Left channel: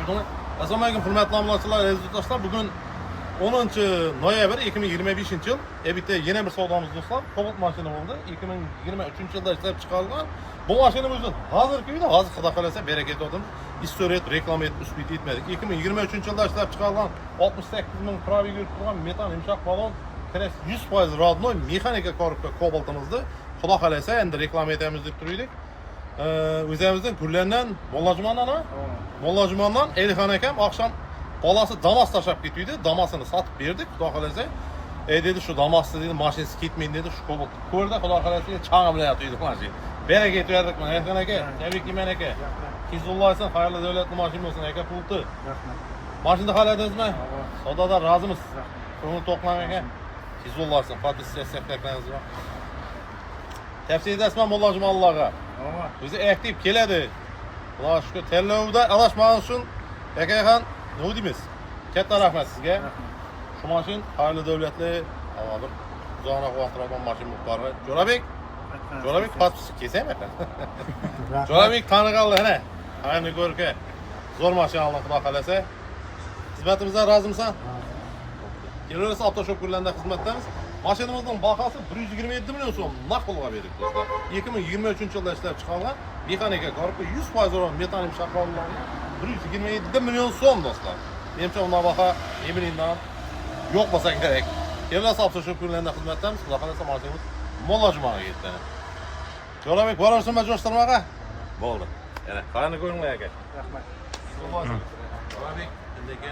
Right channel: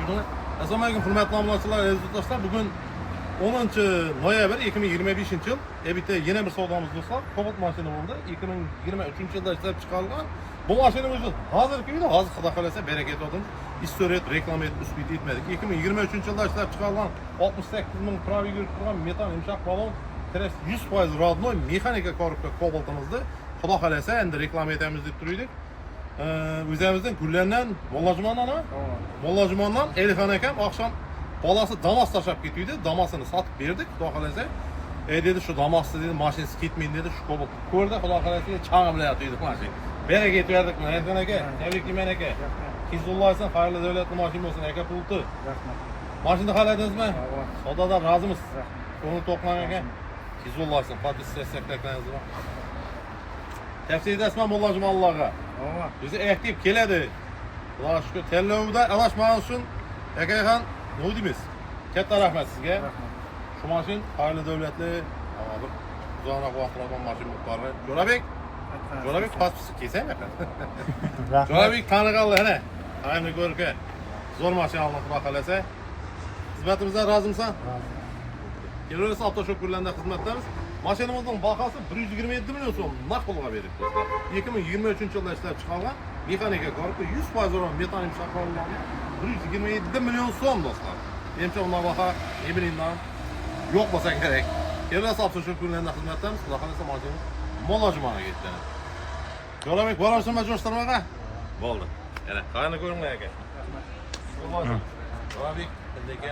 Assalomu alaykum hurmatli obunachilar, aziz do'stlar. Bugun 10-noyabr 2025 yil. Bitta yana bir savdomiz do'stlar. Cobalt mashina bo'ldi. 2023 yilda ishlab chiqarilgan. Bu mashinamiz hozirgi kunda hozir xudo xolasa baraka etdim. Istoret reklama etib uspit etmadik. 2023 yilda ishlab chiqarilgan 68 ming probig yurib turgan metan yumshoq balon 100% rodnoy mexanika korpusda Cobalt'imizda xudo xolasa endi reklama etamiz deb turdik. O'zimizdan Gullardan Mollajumondan Elxon akam oqshom bolasi Damas tashlab ketdi. Damasini sotib berdik, xudo xolasa. Dedi shu Damasni dedi mashinasi ketmaydi dedi, shu Cobalt. Ko'rdi, xudo xolasa chang'i bilan yotdi mashina. Baraka etverdik mana Elxon aka, tabriklayman aka. Hizulloh olsin, xayrli davlatli mashina bo'lsin aka pulti. Rahmat. Mashina xohladingizmi? Savdodan rozimiz. Ko'ngil to'qlan aka. Hizulloh olsin, fotossessiyalarimiz bor. Tavsiya etaman Mollajumonlarga. Bizi aktiv keladi. Xudo shukr, tanlovda adashmagani uchun akaxon nima deymiz? Katta rahmat sizga. Shu mashin xayrli davlatli, hozir uzoqroq vaqt turadigan mashina bo'lib Jo'rabek paspisi kesami aka. Jo'rabek taniqaldi ana. Ayni ko'rka. Zo'r mashina oldi xudo xolasa. Xizmatimizdan rozimisan? Kelursa avtoshop kunlarida xizmatdamiz. Mashinamizning bahosi 127 million so'm naqd pulga berdik do'stlar. 2023 yilda ishlab chiqarilgan mexanika korpusi 100% metan shaqollarni 127 million so'm do'stlar. Menimcha undan baho Emrindan yo'q bo'lsa kerak. Kelursa avtoshop kunlarida xizmatdamiz. Xudo xolasa mashinamiz Mollajumonga ketdi. Jo'rabek borasizmi jo'shtirmaga? Bo'ldi. Yana qani ko'ringlar aka. Jo'rabek